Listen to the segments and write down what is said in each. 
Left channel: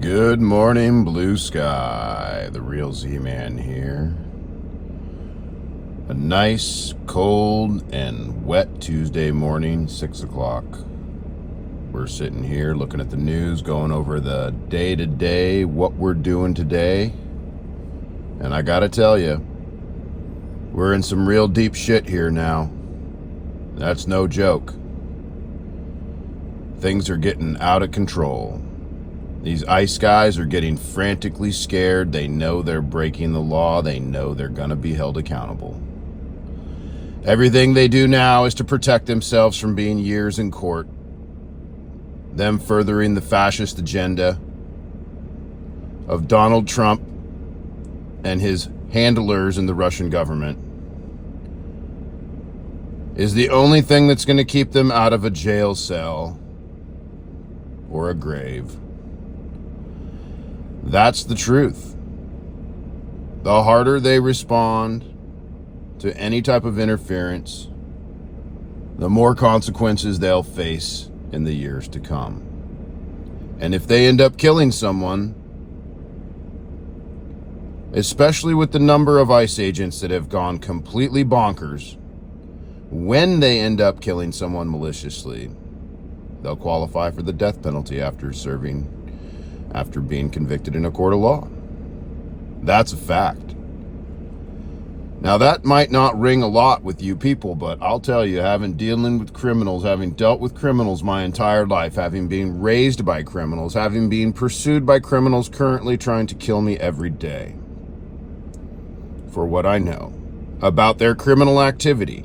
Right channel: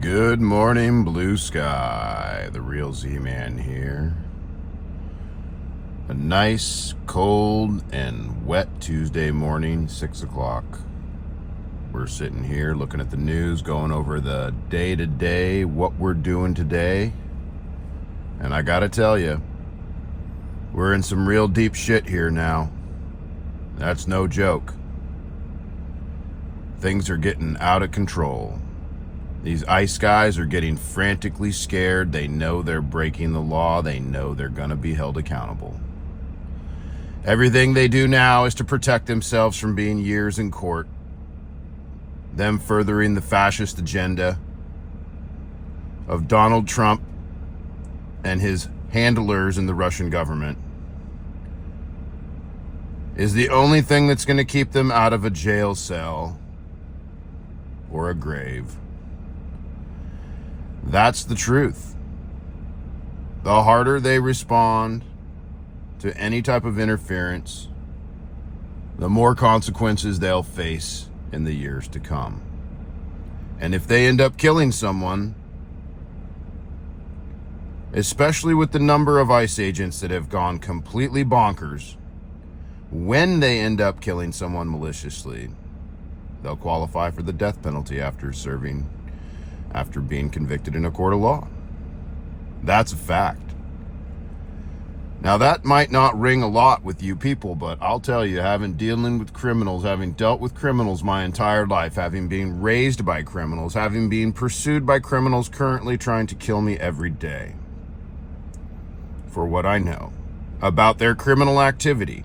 Good morning, blue sky. The real Z-Man here. A nice, cold, and wet Tuesday morning, 6 o'clock. We're sitting here looking at the news, going over the day-to-day, what we're doing today. And I gotta tell you, we're in some real deep shit here now. That's no joke. Things are getting out of control. These ICE guys are getting frantically scared. They know they're breaking the law. They know they're going to be held accountable. Everything they do now is to protect themselves from being years in court. Them furthering the fascist agenda of Donald Trump and his handlers in the Russian government is the only thing that's going to keep them out of a jail cell or a grave. That's the truth. The harder they respond to any type of interference, the more consequences they'll face in the years to come. And if they end up killing someone, especially with the number of ICE agents that have gone completely bonkers, when they end up killing someone maliciously, they'll qualify for the death penalty after being convicted in a court of law. That's a fact. Now, that might not ring a lot with you people, but I'll tell you, having dealt with criminals my entire life, having been raised by criminals, having been pursued by criminals currently trying to kill me every day, for what I know about their criminal activity,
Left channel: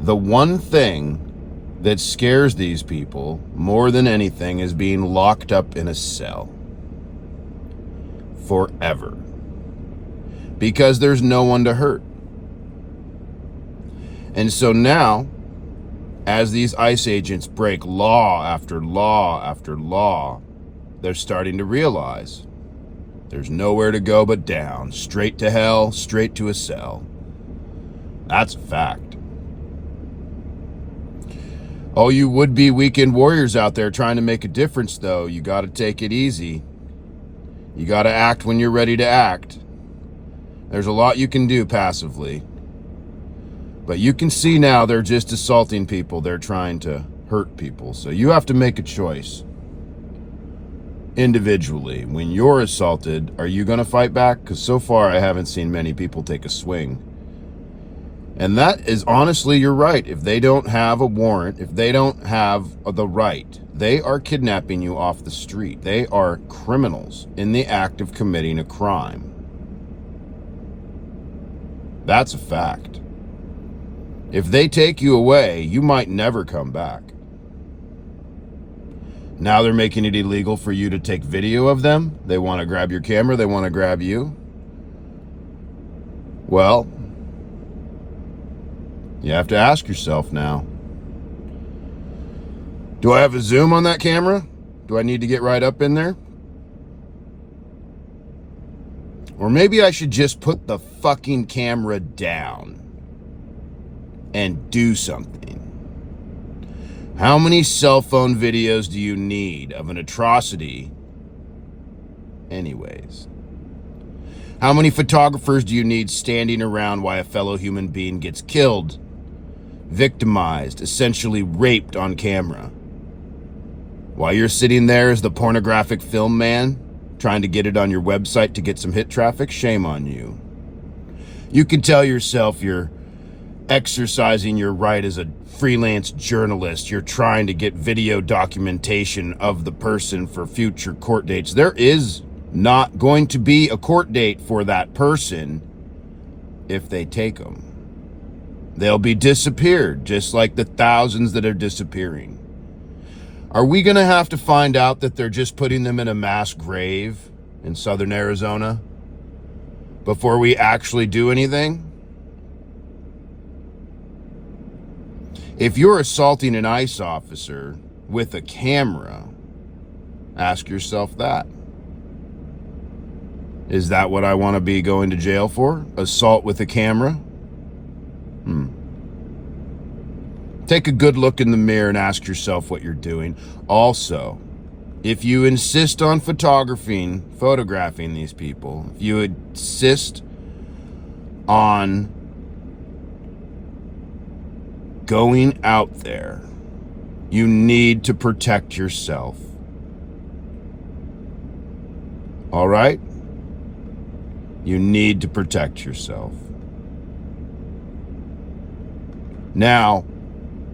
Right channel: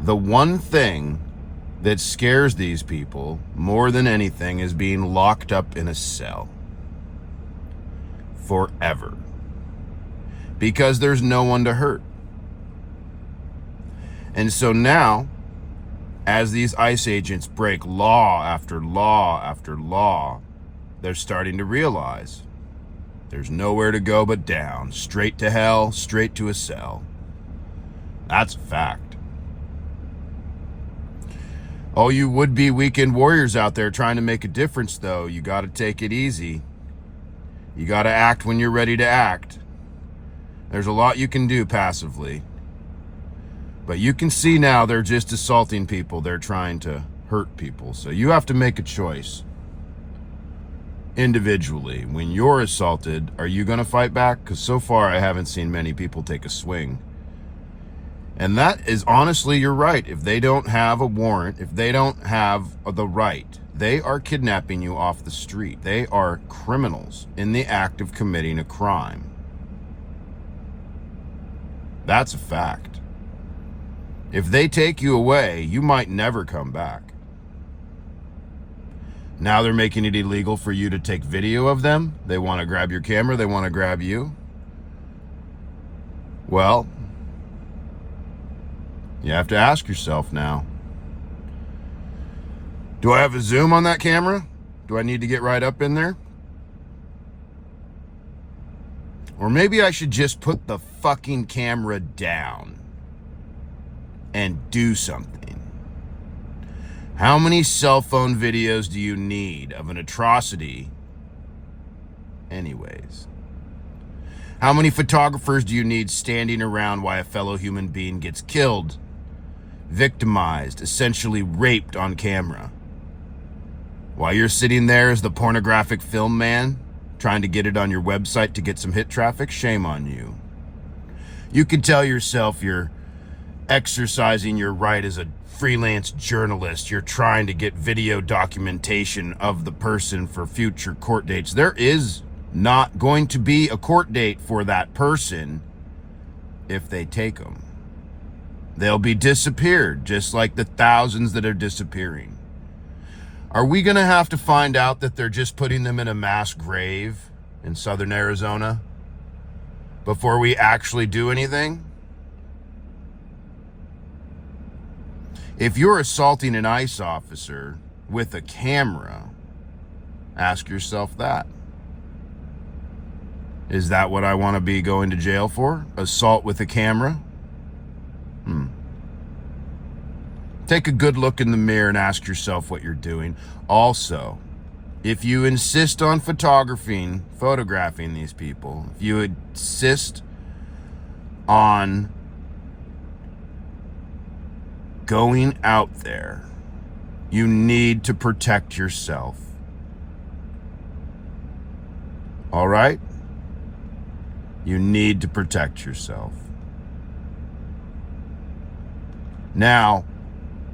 the one thing that scares these people more than anything is being locked up in a cell forever, because there's no one to hurt. And so now, as these ICE agents break law after law after law, they're starting to realize there's nowhere to go but down, straight to hell, straight to a cell. That's a fact. Oh, you would-be weekend warriors out there trying to make a difference, though, you got to take it easy. You got to act when you're ready to act. There's a lot you can do passively. But you can see now they're just assaulting people. They're trying to hurt people. So you have to make a choice. Individually, when you're assaulted, are you going to fight back? Because so far I haven't seen many people take a swing. And that is honestly, you're right. If they don't have a warrant, if they don't have the right, they are kidnapping you off the street. They are criminals in the act of committing a crime. That's a fact. If they take you away, you might never come back. Now they're making it illegal for you to take video of them. They want to grab your camera. They want to grab you. Well, you have to ask yourself now, do I have a zoom on that camera? Do I need to get right up in there? Or maybe I should just put the fucking camera down and do something. How many cell phone videos do you need of an atrocity anyways? How many photographers do you need standing around while a fellow human being gets killed, victimized, essentially raped on camera? While you're sitting there as the pornographic film man, trying to get it on your website to get some hit traffic, shame on you. You can tell yourself you're exercising your right as a freelance journalist. You're trying to get video documentation of the person for future court dates. There is not going to be a court date for that person if they take them. They'll be disappeared, just like the thousands that are disappearing. Are we going to have to find out that they're just putting them in a mass grave in southern Arizona before we actually do anything? If you're assaulting an ICE officer with a camera, ask yourself that. Is that what I want to be going to jail for? Assault with a camera? Take a good look in the mirror and ask yourself what you're doing. Also, if you insist on photographing these people, if you insist on going out there, you need to protect yourself. All right? You need to protect yourself. Now,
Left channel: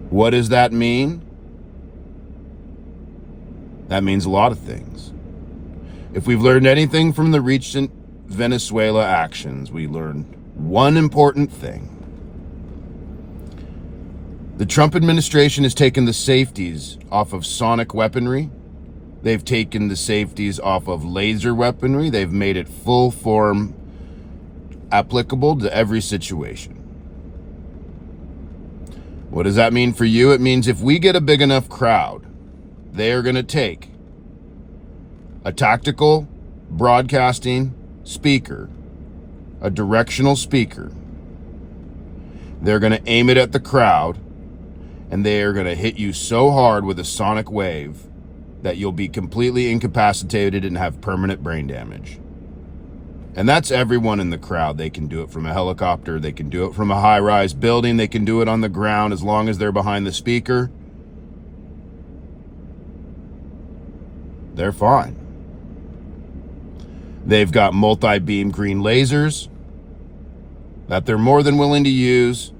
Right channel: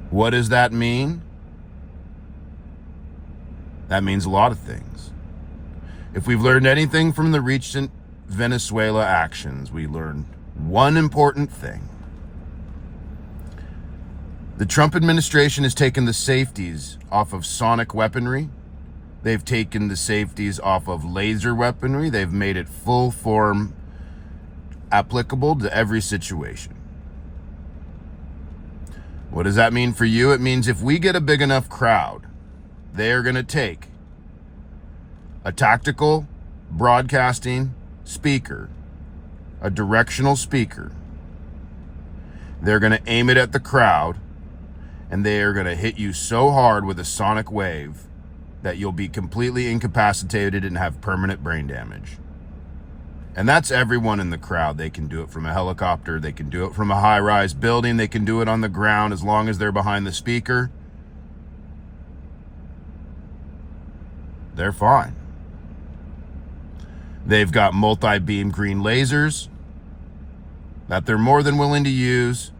what does that mean? That means a lot of things. If we've learned anything from the recent Venezuela actions, we learned one important thing. The Trump administration has taken the safeties off of sonic weaponry. They've taken the safeties off of laser weaponry. They've made it full form applicable to every situation. What does that mean for you? It means if we get a big enough crowd, they are going to take a tactical broadcasting speaker, a directional speaker. They're going to aim it at the crowd, and they are going to hit you so hard with a sonic wave that you'll be completely incapacitated and have permanent brain damage. And that's everyone in the crowd. They can do it from a helicopter. They can do it from a high-rise building. They can do it on the ground as long as they're behind the speaker. They're fine. They've got multi-beam green lasers that they're more than willing to use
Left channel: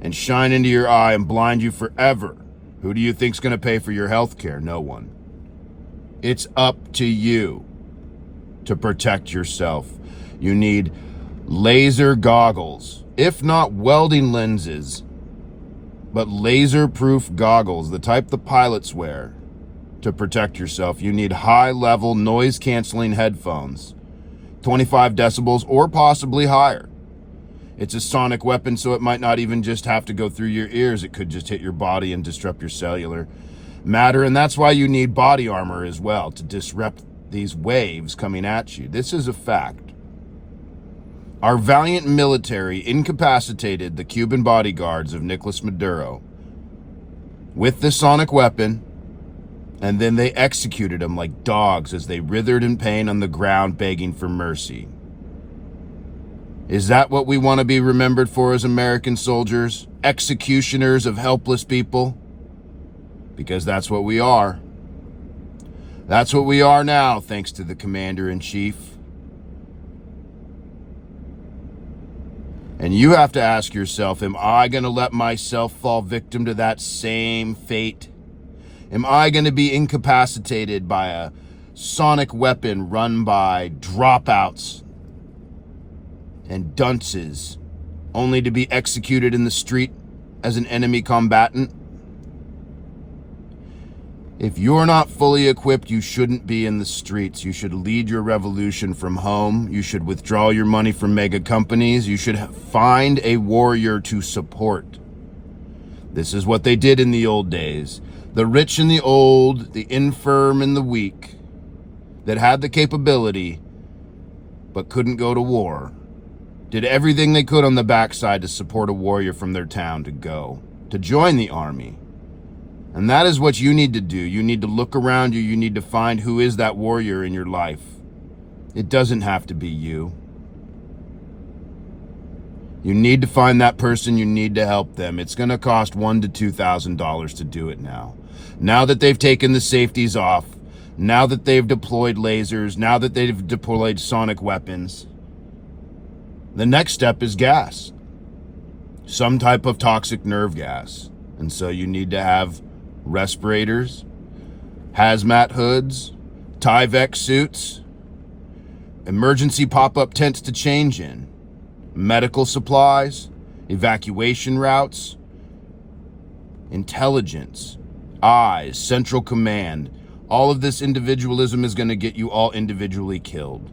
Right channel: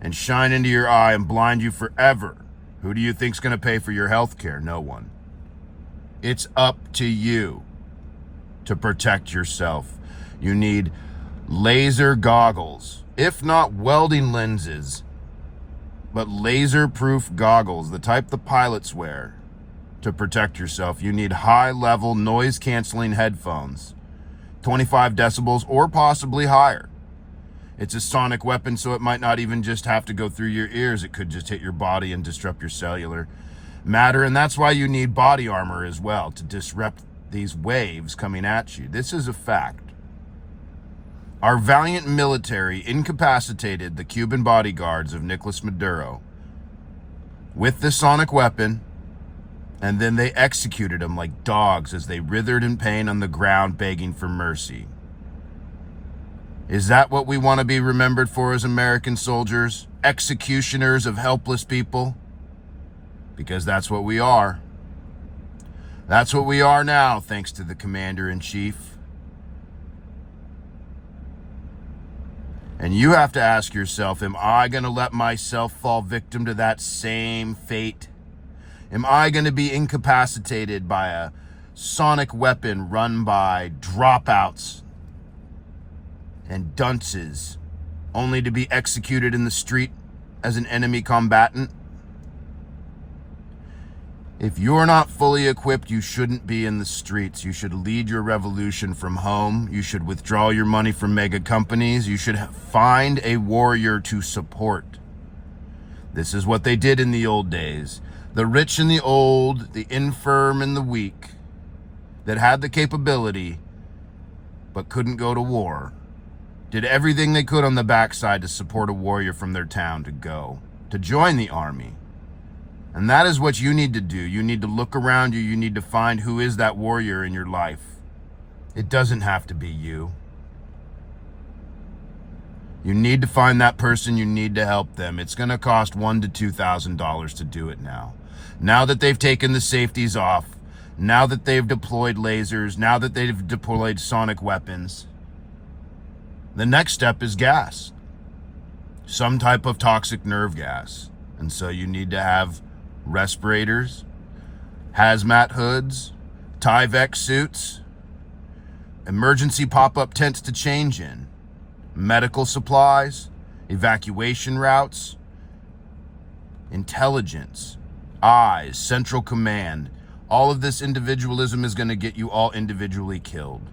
and shine into your eye and blind you forever. Who do you think's going to pay for your health care? No one. It's up to you to protect yourself. You need laser goggles, if not welding lenses, but laser-proof goggles, the type the pilots wear to protect yourself. You need high-level noise-canceling headphones, 25 decibels or possibly higher. It's a sonic weapon, so it might not even just have to go through your ears. It could just hit your body and disrupt your cellular matter, and that's why you need body armor as well, to disrupt these waves coming at you. This is a fact. Our valiant military incapacitated the Cuban bodyguards of Nicolas Maduro with the sonic weapon, and then they executed them like dogs as they writhed in pain on the ground begging for mercy. Is that what we want to be remembered for as American soldiers? Executioners of helpless people? Because that's what we are. That's what we are now, thanks to the Commander-in-Chief. And you have to ask yourself, am I going to let myself fall victim to that same fate? Am I going to be incapacitated by a sonic weapon run by dropouts and dunces, only to be executed in the street as an enemy combatant? If you're not fully equipped, you shouldn't be in the streets. You should lead your revolution from home. You should withdraw your money from mega companies. You should find a warrior to support. This is what they did in the old days. The rich and the old, the infirm and the weak, that had the capability but couldn't go to war, did everything they could on the backside to support a warrior from their town to join the army. And that is what you need to do. You need to look around you. You need to find who is that warrior in your life. It doesn't have to be you. You need to find that person. You need to help them. It's going to cost $1,000 to $2,000 to do it now. Now that they've taken the safeties off, now that they've deployed lasers, now that they've deployed sonic weapons, the next step is gas. Some type of toxic nerve gas. And so you need to have respirators, hazmat hoods, Tyvek suits, emergency pop-up tents to change in, medical supplies, evacuation routes, intelligence, eyes, central command. All of this individualism is going to get you all individually killed.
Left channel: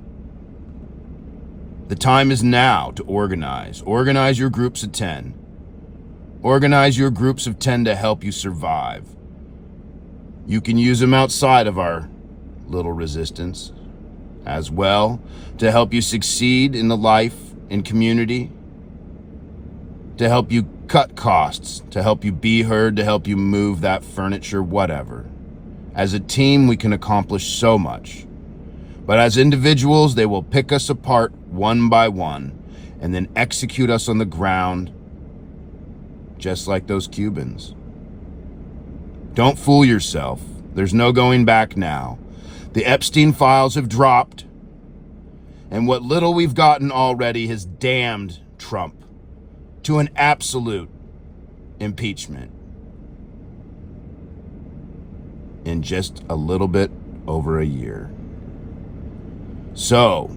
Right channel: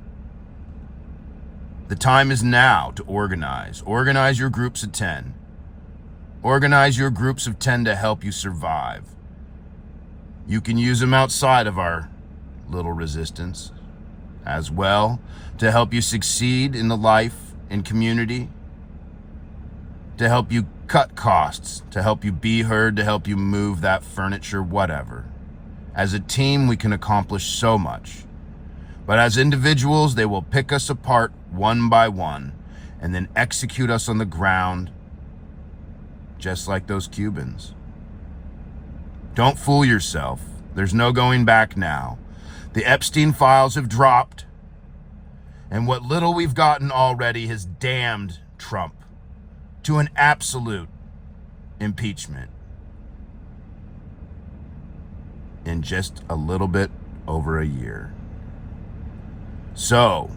The time is now to organize. Organize your groups of 10. Organize your groups of 10 to help you survive. You can use them outside of our little resistance as well to help you succeed in the life and community, to help you cut costs, to help you be heard, to help you move that furniture, whatever. As a team, we can accomplish so much. But as individuals, they will pick us apart one by one and then execute us on the ground, just like those Cubans. Don't fool yourself. There's no going back now. The Epstein files have dropped, and what little we've gotten already has damned Trump to an absolute impeachment in just a little bit over a year. So,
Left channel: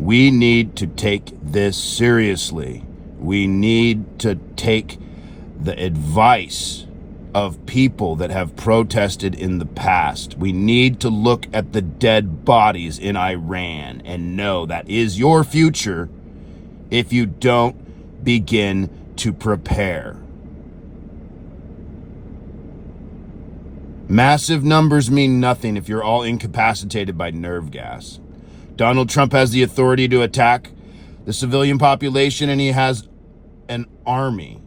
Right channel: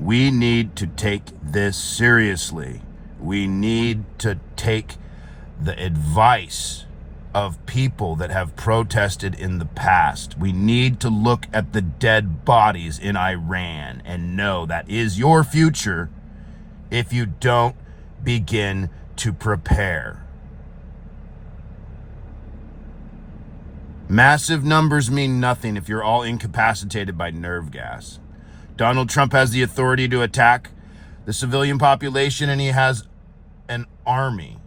we need to take this seriously. We need to take the advice of people that have protested in the past. We need to look at the dead bodies in Iran and know that is your future if you don't begin to prepare. Massive numbers mean nothing if you're all incapacitated by nerve gas. Donald Trump has the authority to attack the civilian population, and he has an army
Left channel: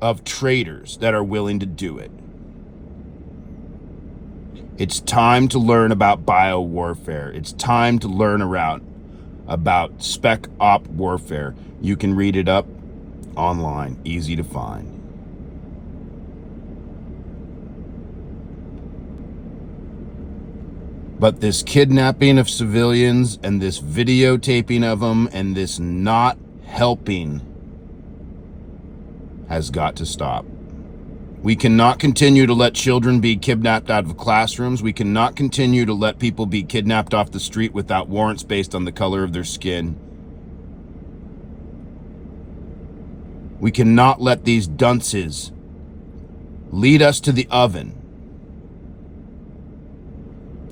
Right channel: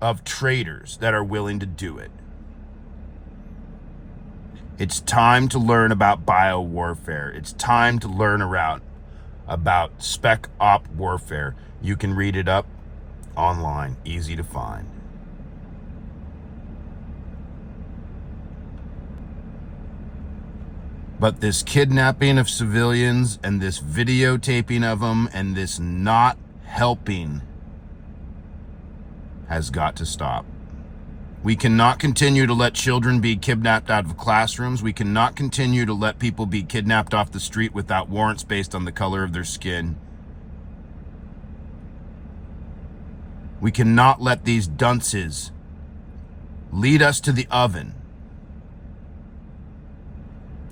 of traitors that are willing to do it. It's time to learn about biowarfare. It's time to learn about spec op warfare. You can read it up online, easy to find. But this kidnapping of civilians and this videotaping of them and this not helping has got to stop. We cannot continue to let children be kidnapped out of classrooms. We cannot continue to let people be kidnapped off the street without warrants based on the color of their skin. We cannot let these dunces lead us to the oven.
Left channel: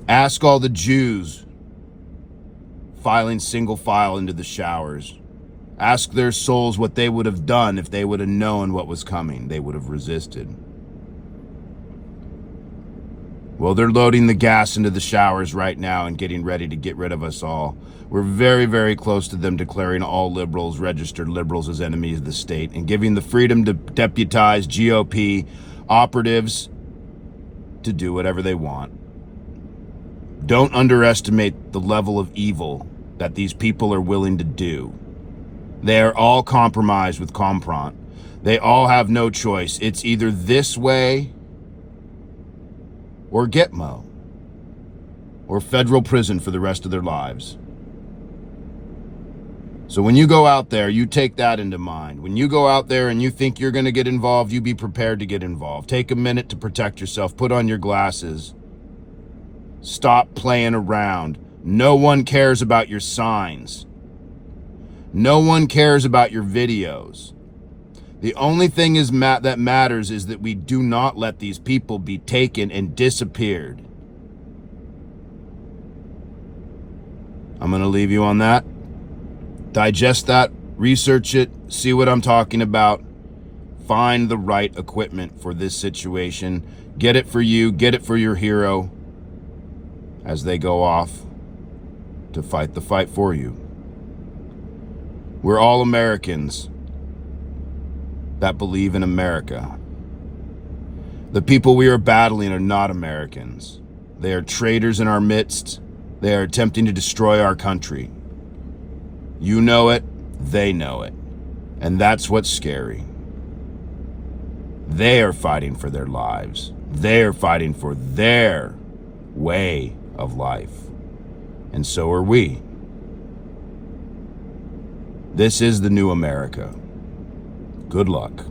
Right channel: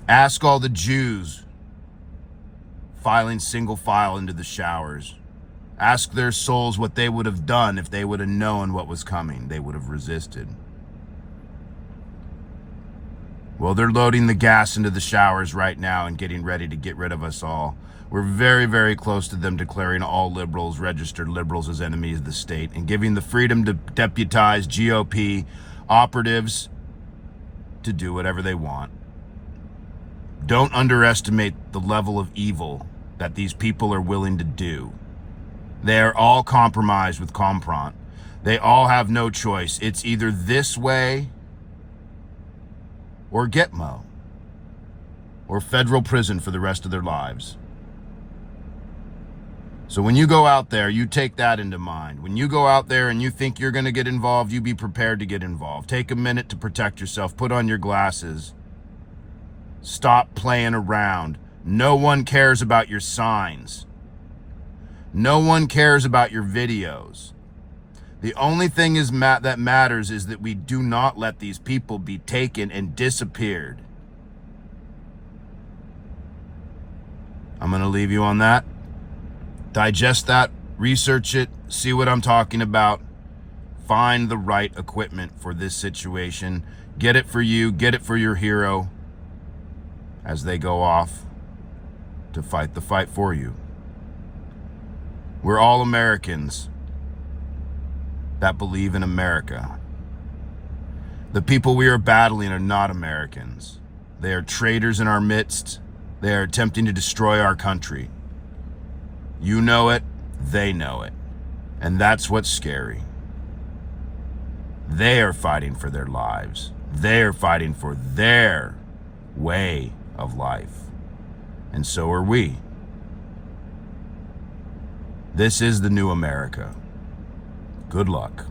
Ask all the Jews filing single file into the showers. Ask their souls what they would have done if they would have known what was coming. They would have resisted. Well, they're loading the gas into the showers right now and getting ready to get rid of us all. We're very, very close to them declaring all liberals, registered liberals, as enemies of the state and giving the freedom to deputize GOP operatives to do whatever they want. Don't underestimate the level of evil that these people are willing to do. They are all compromised with Compront. They all have no choice. It's either this way or Gitmo or federal prison for the rest of their lives. So when you go out there, you take that into mind. When you go out there and you think you're going to get involved, you be prepared to get involved. Take a minute to protect yourself. Put on your glasses. Stop playing around. No one cares about your signs. No one cares about your videos. The only thing that matters is that we do not let these people be taken and disappeared. I'm going to leave you on that. Digest that, research it, see what I'm talking about. Find the right equipment for this situation. Get it for you, get it for your hero as they go off to fight the fight for you. We're all Americans that believe in America. The people we are battling are not Americans. They are traitors in our midst. They are attempting to destroy our country. You know it, they know it. And that's what's scary. They are fighting for their lives. They are fighting for their way of life. And so are we. This is the new America. Good luck.